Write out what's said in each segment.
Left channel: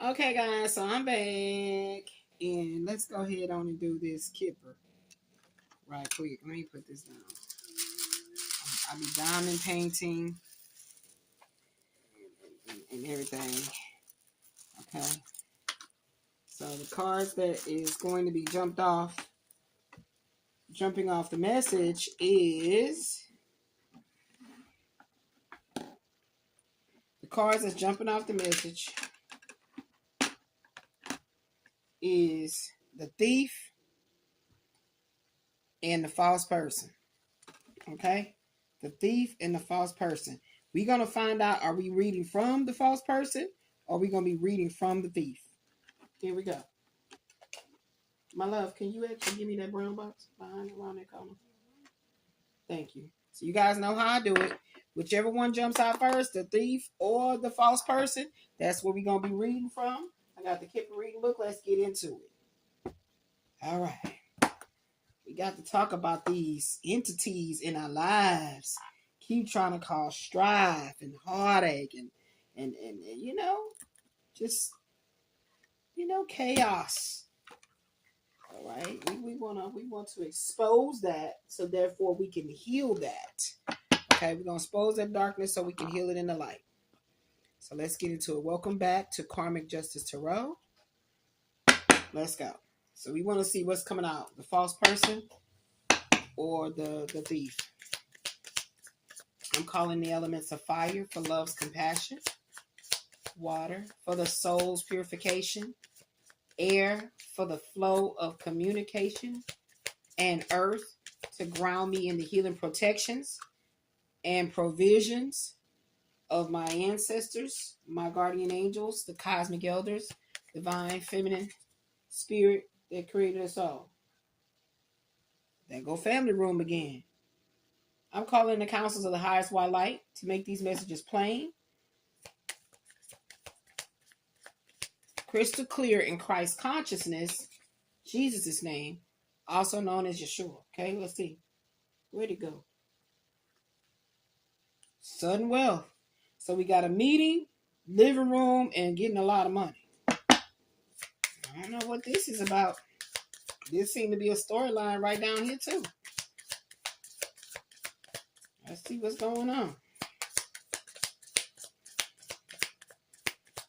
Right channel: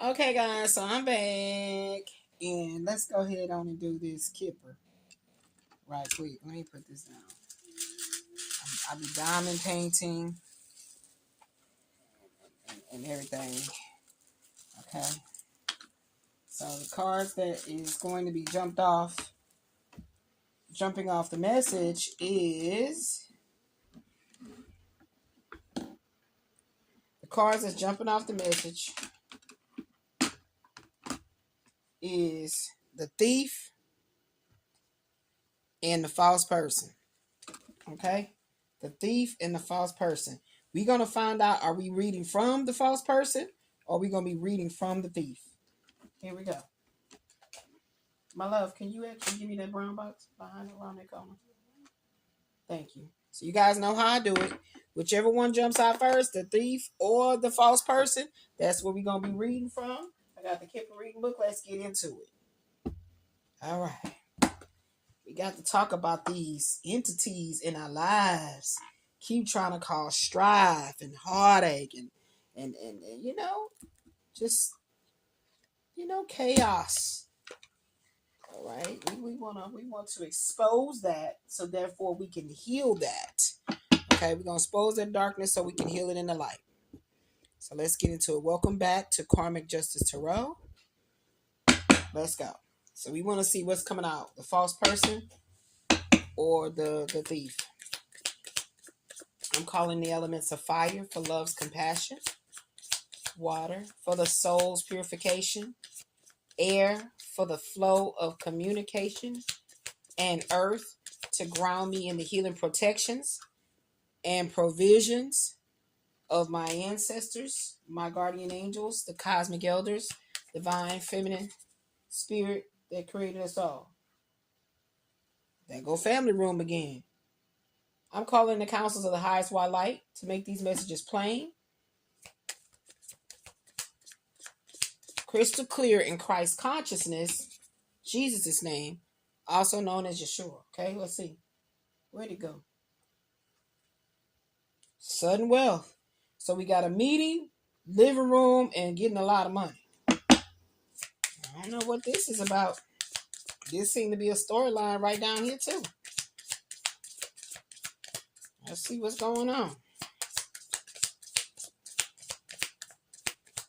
Okay, guys, so I'm back. And let's go ahead on and do this kipper right quick. Let me put this down. I'll be diamond painting and everything. Okay. So the cards that is going to be jumping off the message is the cards that's jumping off the message is the thief and the false person. Okay? The thief and the false person. We're going to find out, are we reading from the false person or are we going to be reading from the thief? Here we go. My love, can you actually give me that brown box behind around that corner? Thank you. So you guys know how I do it. Whichever one jumps out first, the thief or the false person, that's what we're going to be reading from. I got the Kipper reading book. Let's get into it. All right. We got to talk about these entities in our lives. Keep trying to cause strife and heartache and you know, just, chaos. All right. We want to expose that so therefore we can heal that. Okay, we're going to expose that darkness so we can heal it in the light. So let's get into it. Welcome back to Karmic Justice Tarot. Let's go. So we want to see what's coming out. The false person or the thief. I'm calling the elements of fire for love's compassion. Water for the soul's purification. Air for the flow of communication. And earth to ground me in the healing protections and provisions of my ancestors, my guardian angels, the cosmic elders, divine feminine spirit that created us all. There go family room again. I'm calling the councils of the highest white light to make these messages plain, crystal clear in Christ's consciousness, Jesus' name, also known as Yeshua. Okay, let's see. Where'd it go? Sudden wealth. So we got a meeting, living room, and getting a lot of money. I don't know what this is about. This seemed to be a storyline right down here too. Let's see what's going on.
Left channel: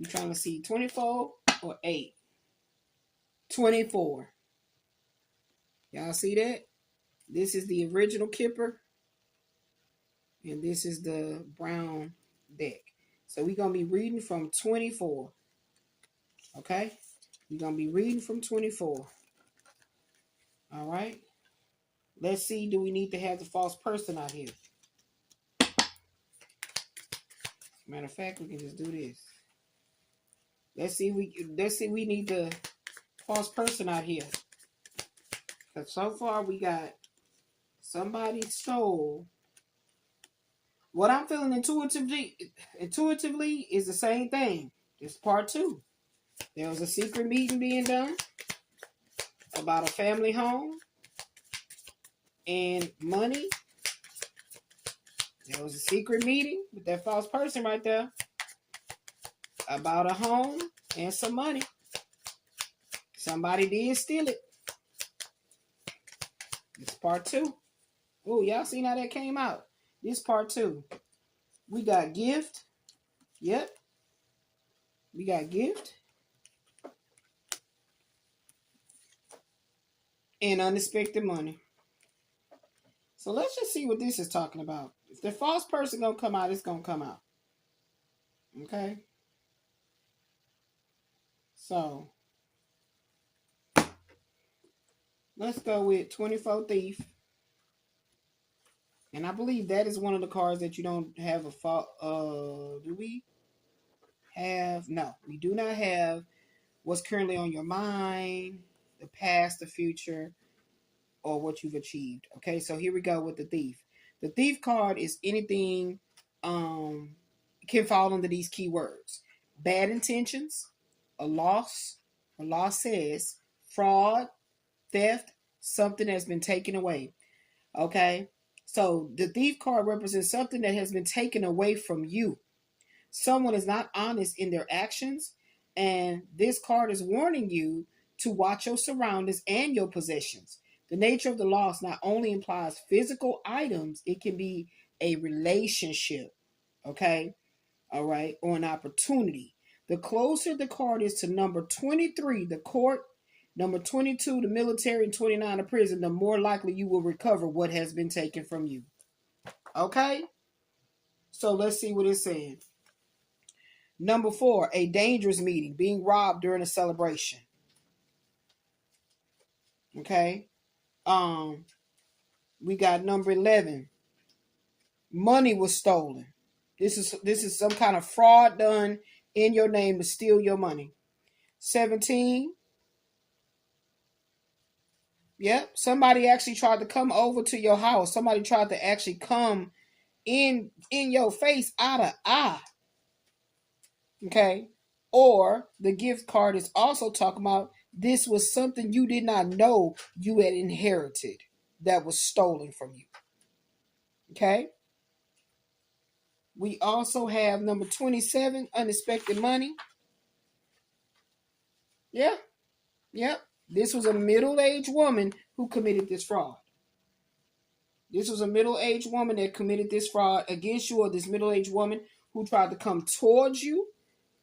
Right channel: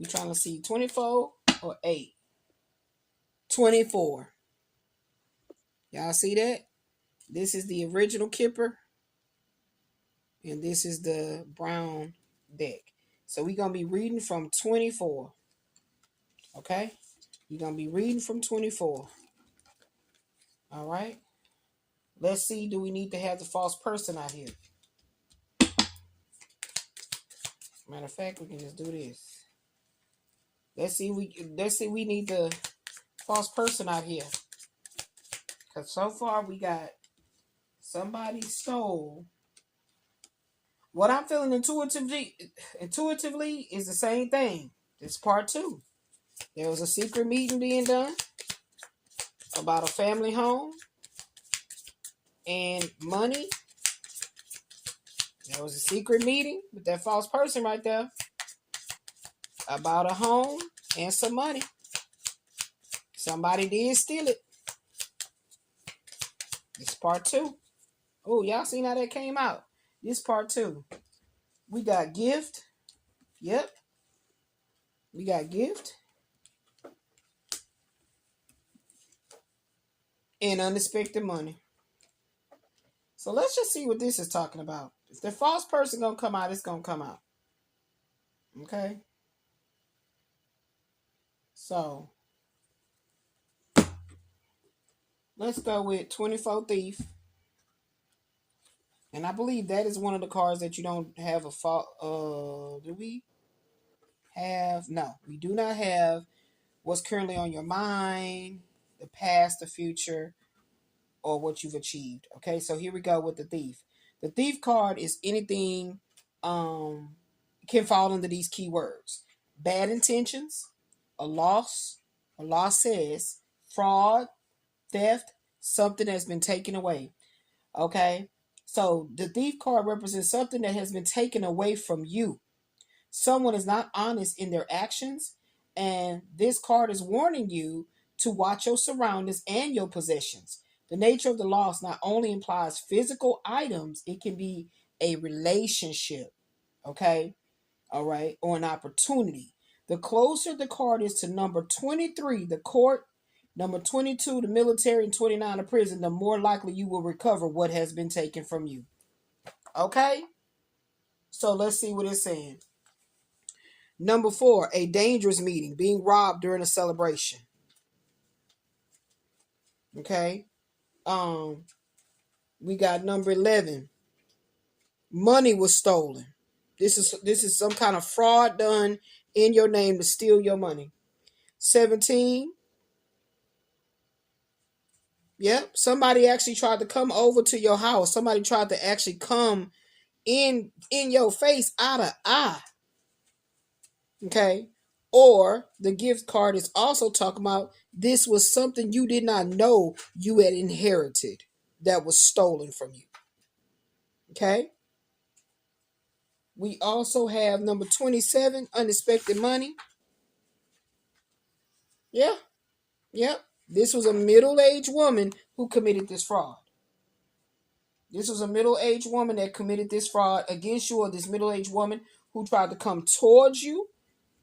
We trying to see 24 or 8? 24. Y'all see that? This is the original Kipper. And this is the brown deck. So we're going to be reading from 24. Okay? We're going to be reading from 24. All right? Let's see, do we need to have the false person out here? Matter of fact, we can just do this. Let's see we need the false person out here. Because so far we got somebody stole. What I'm feeling intuitively is the same thing. This part 2. There was a secret meeting being done about a family home and money. There was a secret meeting with that false person right there about a home and some money. Somebody did steal it. This part 2. Oh, y'all seen how that came out? This part 2. We got gift. Yep. We got gift. And unexpected money. So let's just see what this is talking about. If the false person gonna come out, it's gonna come out. Okay. So let's go with 24 thief. And I believe that is one of the cards that you don't have a fault. Do we have? No, we do not have what's currently on your mind, the past, the future, or what you've achieved. Okay, so here we go with the thief. The thief card is anything can fall under these keywords: bad intentions, a loss says, fraud, theft, something has been taken away. Okay, so the thief card represents something that has been taken away from you. Someone is not honest in their actions, And this card is warning you to watch your surroundings and your possessions. The nature of the loss not only implies physical items, it can be a relationship, okay? All right, or an opportunity. The closer the card is to number 23, the court, number 22, the military, and 29, the prison, the more likely you will recover what has been taken from you. Okay? So let's see what it's saying. Number 4, a dangerous meeting, being robbed during a celebration. Okay? We got number 11. Money was stolen. This is some kind of fraud done in your name to steal your money. 17. Yep, somebody actually tried to come over to your house. Somebody tried to actually come in your face out of eye. Okay? Or the gift card is also talking about this was something you did not know you had inherited that was stolen from you. Okay? We also have number 27, unexpected money. Yeah. Yep. This was a middle-aged woman who committed this fraud. This was a middle-aged woman that committed this fraud against you, or this middle-aged woman who tried to come towards you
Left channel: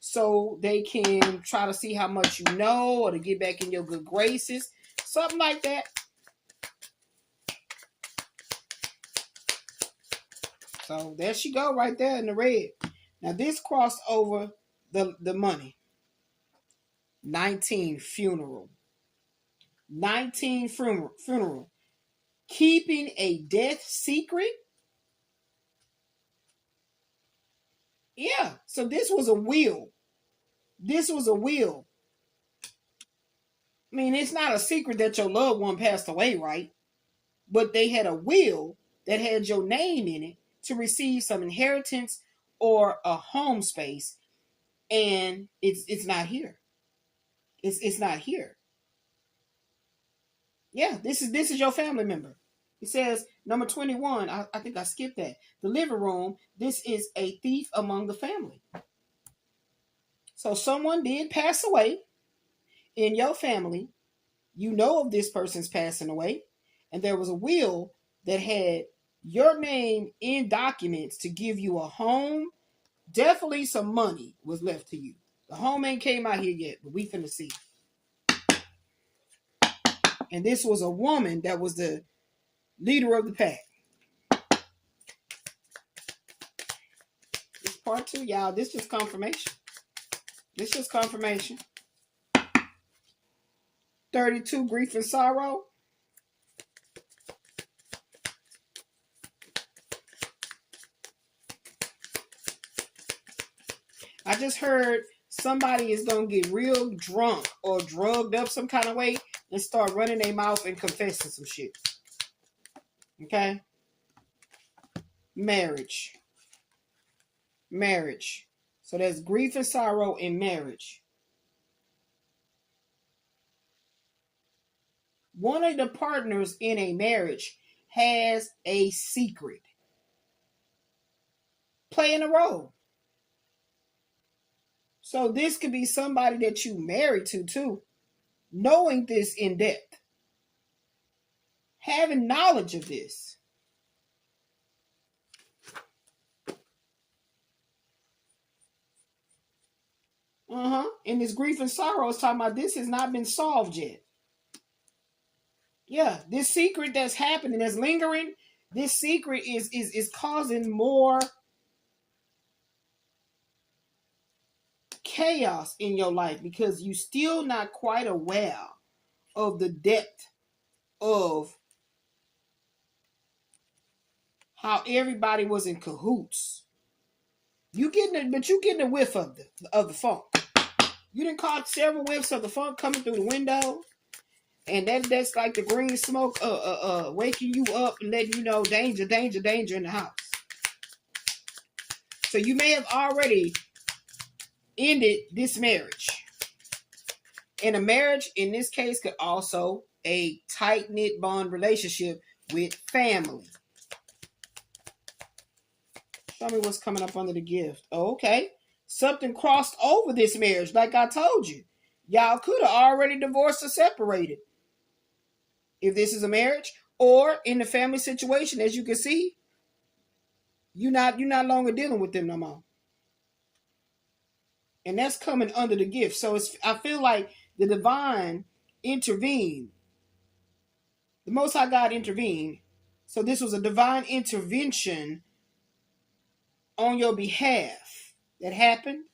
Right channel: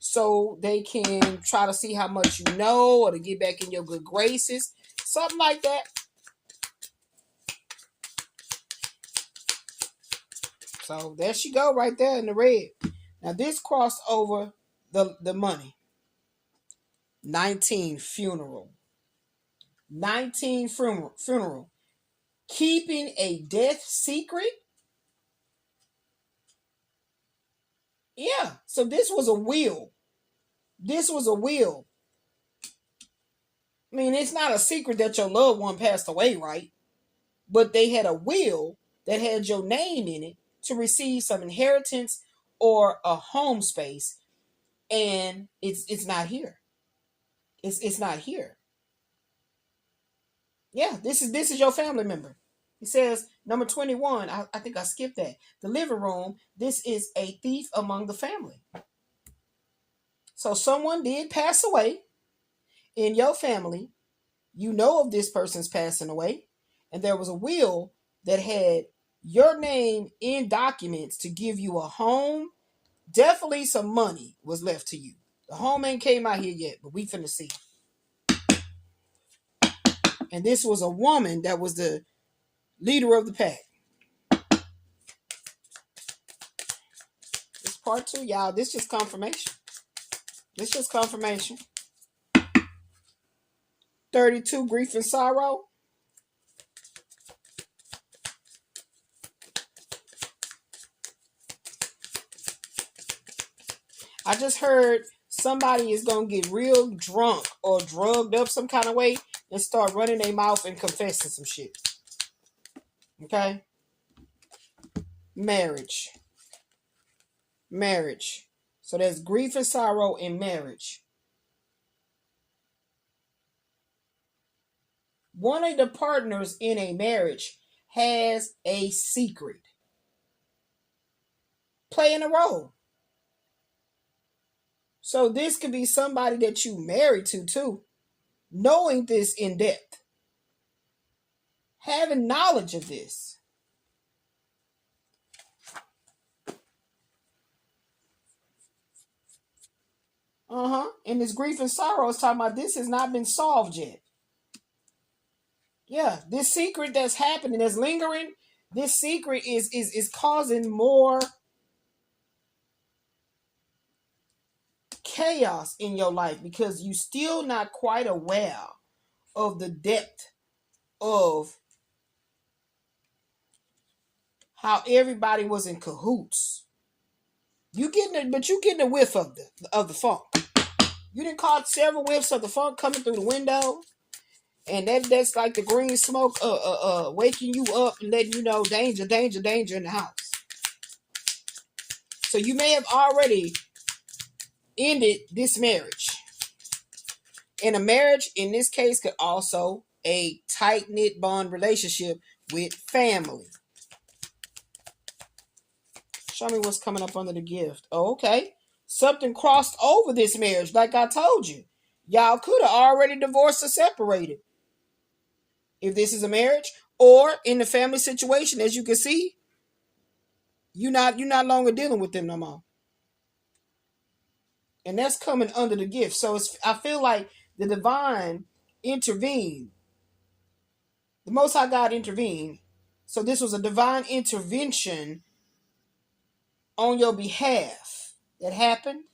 so they can try to see how much you know or to get back in your good graces. Something like that. So there she go right there in the red. Now this crossed over the money. 19, funeral. 19, funeral. Keeping a death secret. Yeah, so this was a will. This was a will. I mean, it's not a secret that your loved one passed away, right? But they had a will that had your name in it to receive some inheritance or a home space, and it's not here. It's not here. Yeah, this is your family member. It says number 21. I think I skipped that. The living room. This is a thief among the family. So someone did pass away in your family. You know of this person's passing away, and there was a will that had your name in documents to give you a home. Definitely some money was left to you. The home ain't came out here yet, but we finna see. And this was a woman that was the leader of the pack. This part 2, y'all. This just confirmation. This just confirmation. 32, grief and sorrow. I just heard somebody is going to get real drunk or drugged up some kind of way and start running their mouth and confessing some shit. Okay? Marriage. Marriage. So there's grief and sorrow in marriage. One of the partners in a marriage has a secret playing a role. So this could be somebody that you married to too, knowing this in depth, having knowledge of this. And this grief and sorrow is talking about this has not been solved yet. Yeah, this secret that's happening, that's lingering, this secret is causing more chaos in your life because you still not quite aware of the depth of how everybody was in cahoots. You getting a whiff of the funk. You done caught several whiffs of the funk coming through the window, and that's like the green smoke waking you up and letting you know danger, danger, danger in the house. So you may have already ended this marriage. And a marriage in this case could also a tight-knit bond relationship with family. Show me what's coming up under the gift. Oh, okay. Something crossed over this marriage, like I told you. Y'all could have already divorced or separated if this is a marriage, or in the family situation. As you can see, you're not longer dealing with them no more, and that's coming under the gift. So I feel like the divine intervened. The Most High God intervened. So this was a divine intervention on your behalf that happened.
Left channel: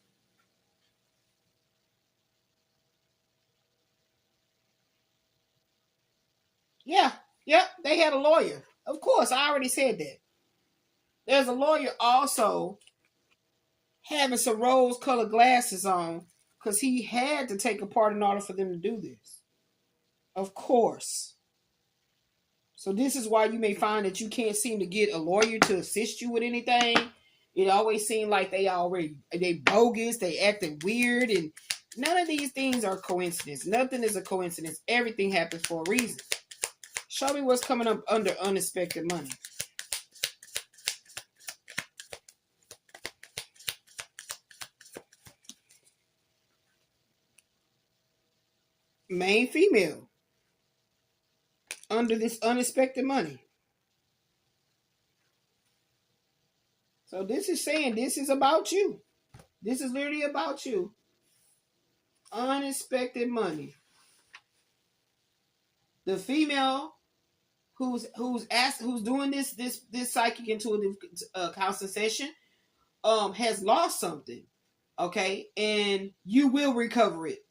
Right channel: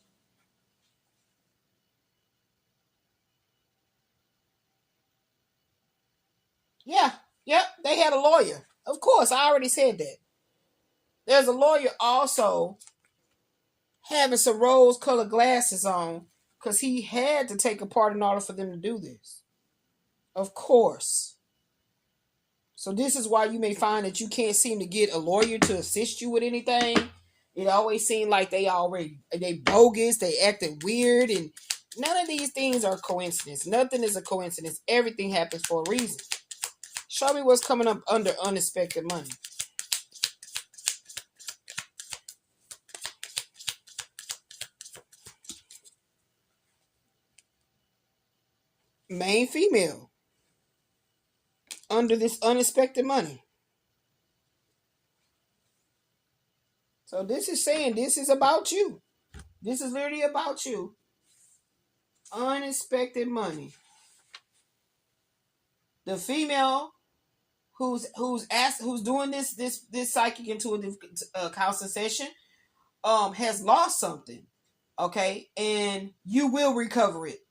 Yeah, they had a lawyer. Of course, I already said that. There's a lawyer also having some rose-colored glasses on because he had to take a part in order for them to do this. Of course. So this is why you may find that you can't seem to get a lawyer to assist you with anything. It always seems like they bogus, they acting weird, and none of these things are coincidence. Nothing is a coincidence. Everything happens for a reason. Show me what's coming up under unexpected money. Main female. Under this unexpected money. So this is saying this is about you. This is literally about you. Unexpected money. The female who's doing this psychic intuitive counseling session has lost something, okay, and you will recover it.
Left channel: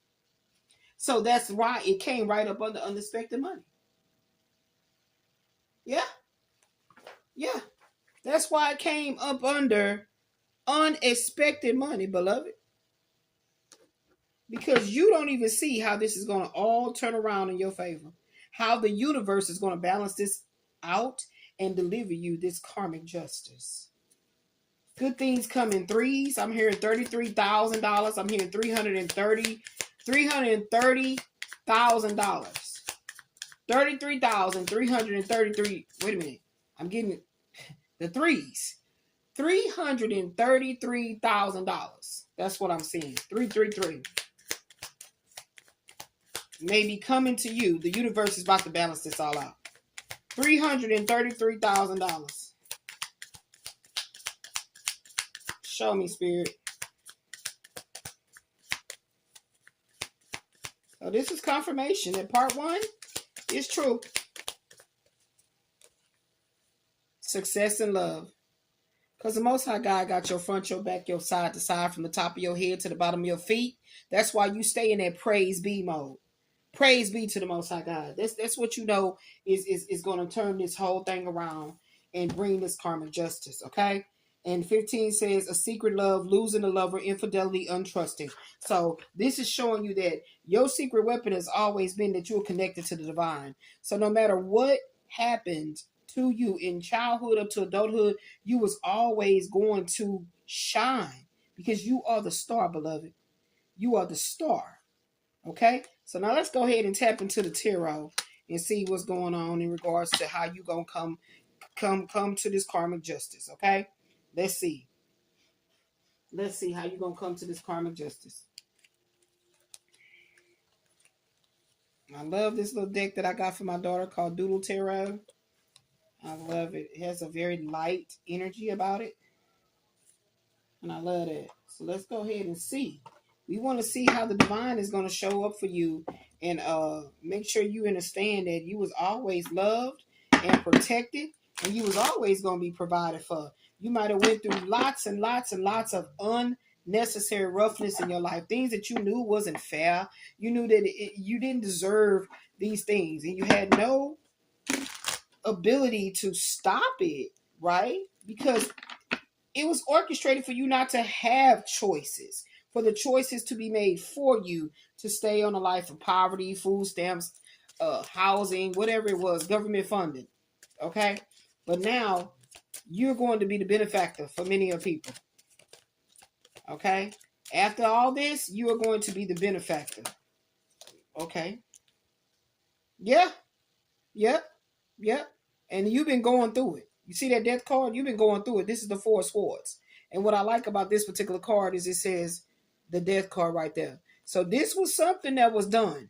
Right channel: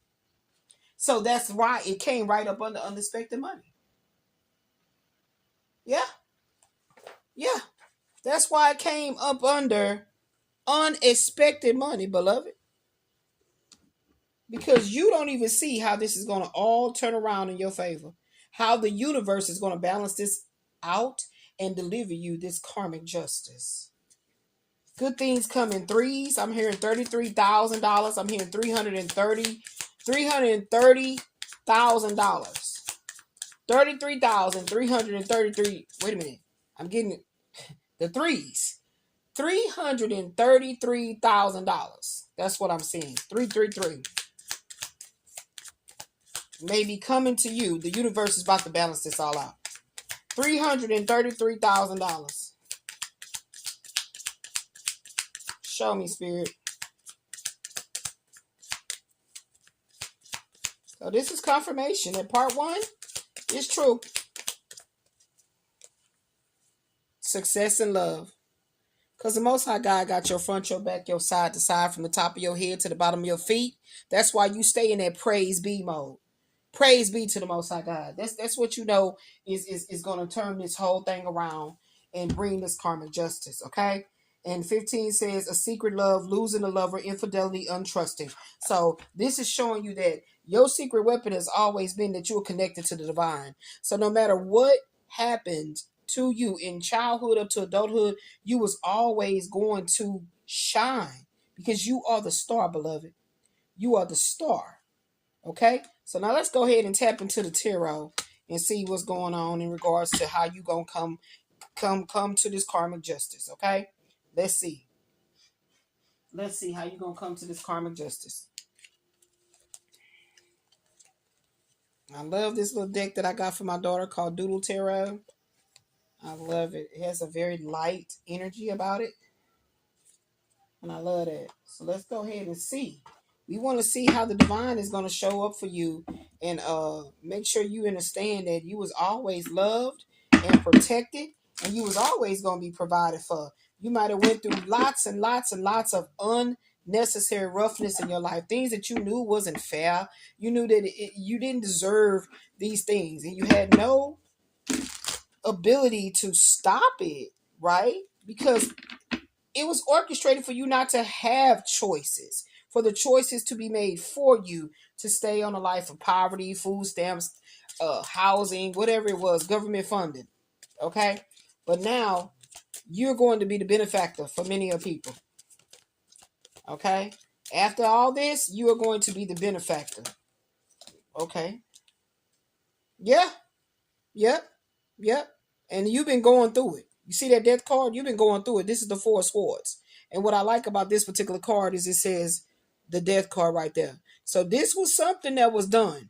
So that's why it came right up under unexpected money. Yeah, that's why it came up under unexpected money, beloved, because you don't even see how this is going to all turn around in your favor, how the universe is going to balance this out and deliver you this karmic justice. Good things come in threes. I'm hearing $33,000. I'm hearing $330,000. $33,333. Wait a minute. I'm getting the threes. $333,000. That's what I'm seeing. 333. Maybe coming to you. The universe is about to balance this all out. $333,000. Show me, Spirit. So this is confirmation that part one is true. Success and love. Because the Most High God got your front, your back, your side to side, from the top of your head to the bottom of your feet. That's why you stay in that praise be mode. Praise be to the Most High God. That's what you know is going to turn this whole thing around and bring this karmic justice, okay? And 15 says, a secret love, losing a lover, infidelity, untrusting. So this is showing you that your secret weapon has always been that you're connected to the divine. So no matter what happened to you in childhood up to adulthood, you was always going to shine because you are the star, beloved. You are the star. Okay? So now let's go ahead and tap into the tarot and see what's going on in regards to how you gonna come to this karmic justice. Okay? Let's see. Let's see how you gonna come to this karmic justice. I love this little deck that I got for my daughter called Doodle Tarot. I love it. It has a very light energy about it. And I love that. So let's go ahead and see. We want to see how the divine is going to show up for you and make sure you understand that you was always loved and protected, and you was always going to be provided for. You might have went through lots and lots and lots of unnecessary roughness in your life, things that you knew wasn't fair. You knew that you didn't deserve these things, and you had no ability to stop it, right? Because it was orchestrated for you not to have choices, for the choices to be made for you to stay on a life of poverty, food stamps, housing, whatever it was, government funding. Okay? But now you're going to be the benefactor for many of people. Okay? After all this, you are going to be the benefactor. Okay? Yeah. Yep. And you've been going through it. You see that death card? You've been going through it. This is the Four of Swords. And what I like about this particular card is it says the death card right there. So this was something that was done.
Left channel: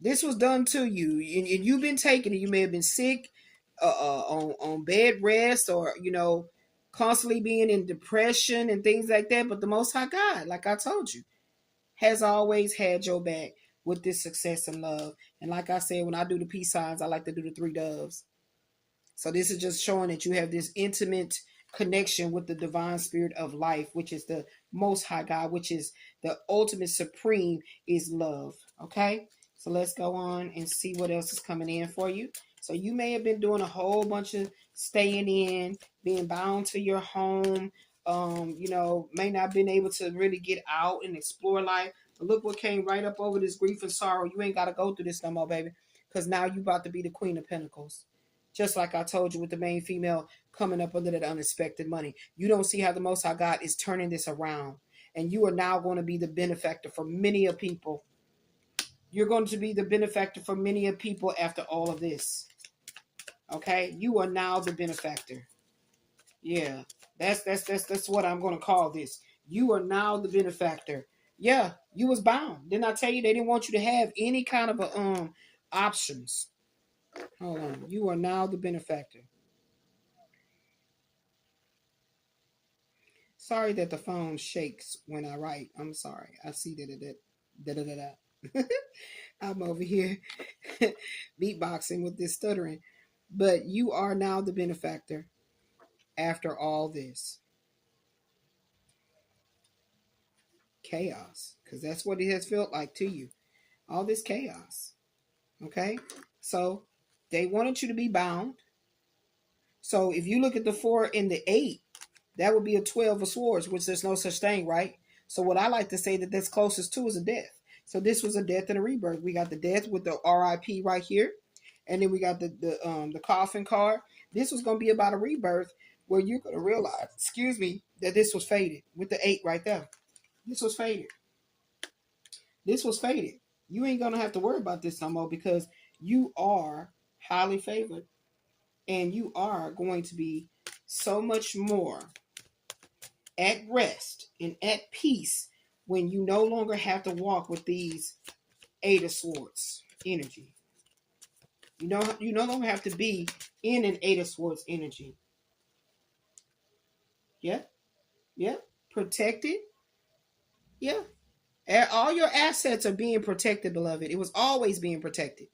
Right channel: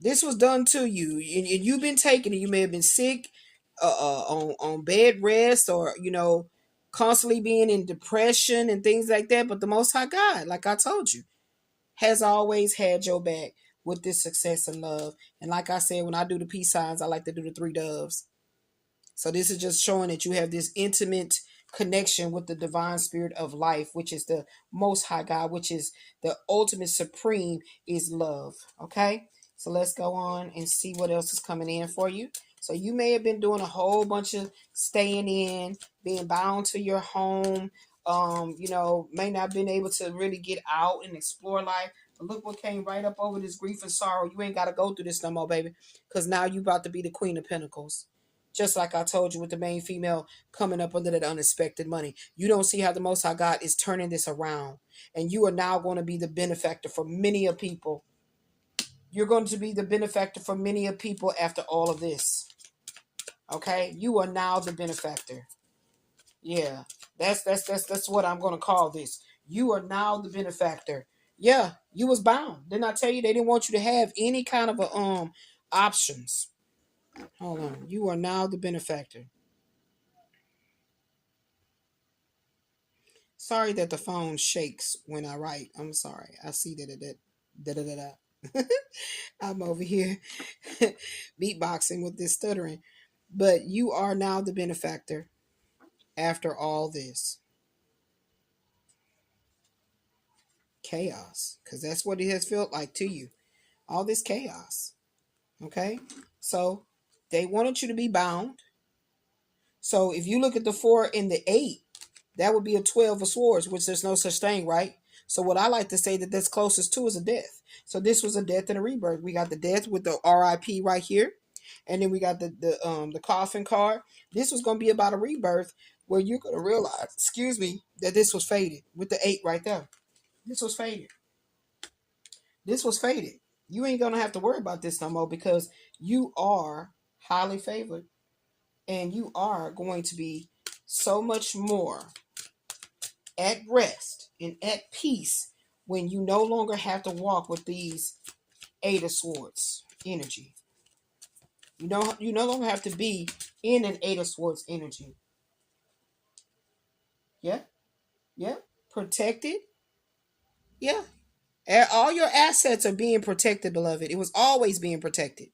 This was done to you, and you've been taking it. You may have been sick, on bed rest, or constantly being in depression and things like that. But the Most High God, like I told you, has always had your back with this success and love. And like I said, when I do the peace signs, I like to do the three doves. So this is just showing that you have this intimate connection with the divine spirit of life, which is the Most High God, which is the ultimate supreme is love. Okay, so let's go on and see what else is coming in for you. So you may have been doing a whole bunch of staying in, being bound to your home, may not have been able to really get out and explore life. But look what came right up over this grief and sorrow. You ain't got to go through this no more, baby, because now you about to be the Queen of Pentacles. Just like I told you with the main female coming up under that unexpected money. You don't see how the Most High God is turning this around. And you are now going to be the benefactor for many of people. You're going to be the benefactor for many of people after all of this. Okay? You are now the benefactor. Yeah. That's what I'm going to call this. You are now the benefactor. Yeah, you was bound. Didn't I tell you they didn't want you to have any kind of options? Hold on. You are now the benefactor. Sorry that the phone shakes when I write. I'm sorry. I see that. I'm over here beatboxing with this stuttering. But you are now the benefactor after all this chaos. Because that's what it has felt like to you. All this chaos. Okay? So they wanted you to be bound. So if you look at the 4 and the 8, that would be a 12 of swords, which there's no such thing, right? So what I like to say that's closest to is a death. So this was a death and a rebirth. We got the death with the RIP right here. And then we got the coffin card. This was going to be about a rebirth where you're going to realize, that this was fated with the 8 right there. This was fated. This was fated. You ain't going to have to worry about this no more because you are highly favored. And you are going to be so much more at rest and at peace when you no longer have to walk with these 8 of Swords energy. You no longer have to be in an 8 of Swords energy. Yeah. Yeah. Protected. Yeah. All your assets are being protected, beloved. It was always being protected.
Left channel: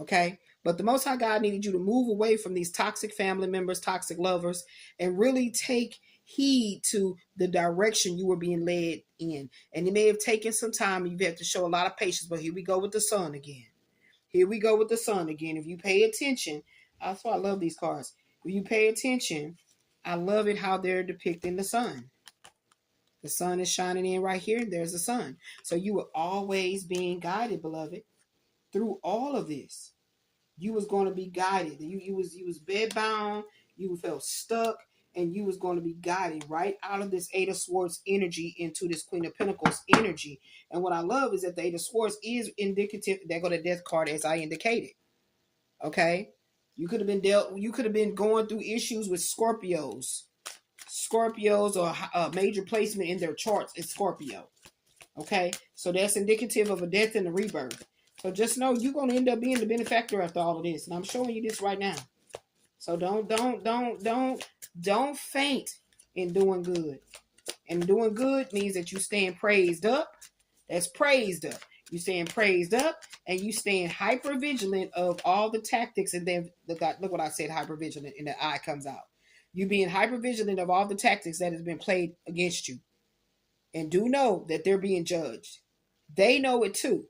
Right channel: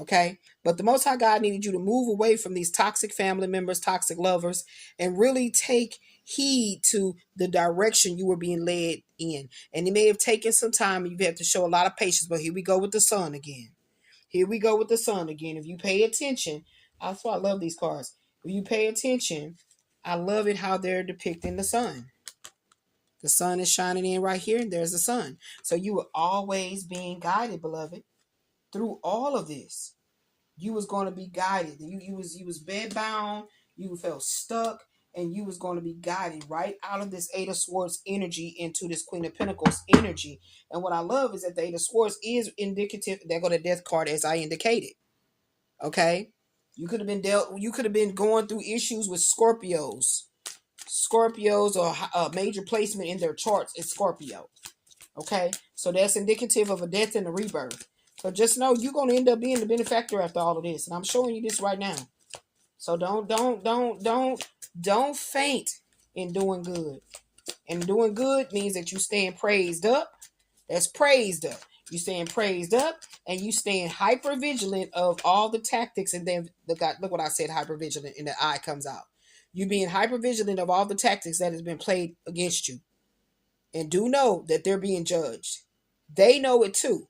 Okay? But the Most High God needed you to move away from these toxic family members, toxic lovers, and really take heed to the direction you were being led in. And it may have taken some time. You've had to show a lot of patience, but here we go with the sun again. Here we go with the sun again. If you pay attention, that's why I love these cards. If you pay attention, I love it how they're depicting the sun. The sun is shining in right here, and there's the sun. So you were always being guided, beloved, through all of this. You was going to be guided. You was bedbound. You felt stuck, and you was going to be guided right out of this 8 of Swords energy into this Queen of Pentacles energy. And what I love is that the 8 of Swords is indicative. There go the death card, as I indicated. Okay, you could have been going through issues with Scorpios or a major placement in their charts is Scorpio. Okay, so that's indicative of a death and a rebirth. So just know you're going to end up being the benefactor after all of this. And I'm showing you this right now. So don't faint in doing good. And doing good means that you stand praised up. That's praised up. You stand praised up and you stand hyper vigilant of all the tactics. And then look what I said, hyper vigilant, and the eye comes out. You being hyper vigilant of all the tactics that has been played against you. And do know that they're being judged. They know it too.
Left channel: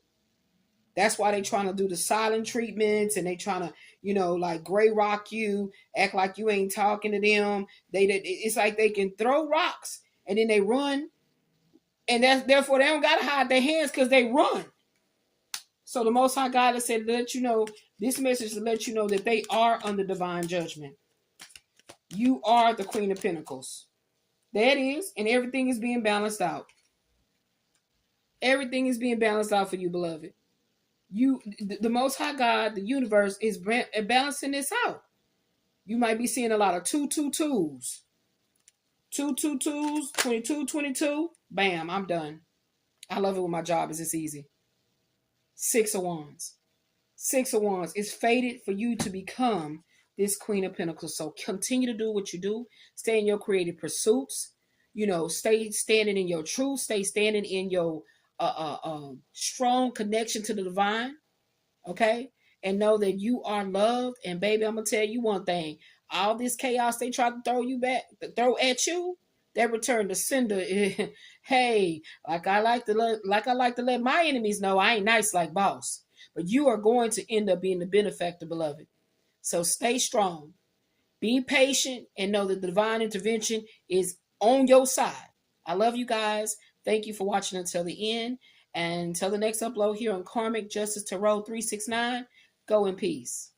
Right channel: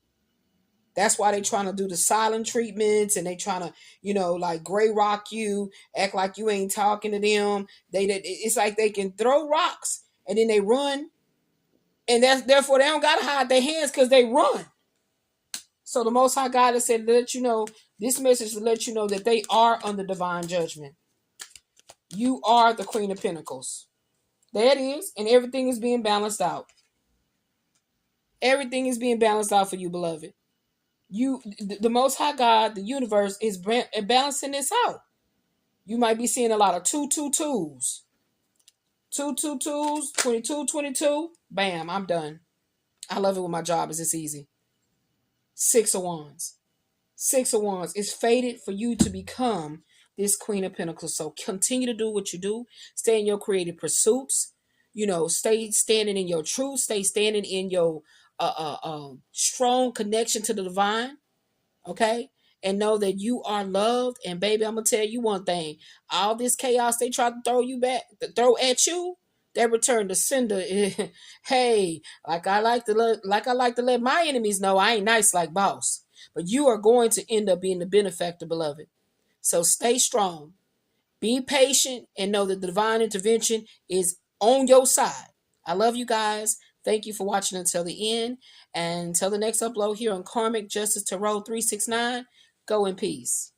That's why they trying to do the silent treatments, and they trying to, like gray rock you, act like you ain't talking to them. It's like they can throw rocks and then they run, and therefore they don't gotta hide their hands because they run. So the Most High God has said to let you know this message to let you know that they are under divine judgment. You are the Queen of Pentacles. That is, and everything is being balanced out. Everything is being balanced out for you, beloved. The Most High God, the universe is balancing this out. You might be seeing a lot of 2 2 2s. 2 2 2s, 22 22. Bam, I'm done. I love it when my job is this easy. 6 of Wands. 6 of Wands. It's fated for you to become this Queen of Pentacles. So continue to do what you do. Stay in your creative pursuits. You know, stay standing in your truth. Stay standing in your strong connection to the divine. Okay? And know that you are loved. And baby, I'm gonna tell you one thing. All this chaos they try to throw you back, to throw at you, they return to sender. Hey, I like to let my enemies know I ain't nice like boss. But you are going to end up being the benefactor, beloved. So stay strong. Be patient and know that the divine intervention is on your side. I love you guys. Thank you for watching until the end. And until the next upload here on Karmic Justice Tarot 369, go in peace.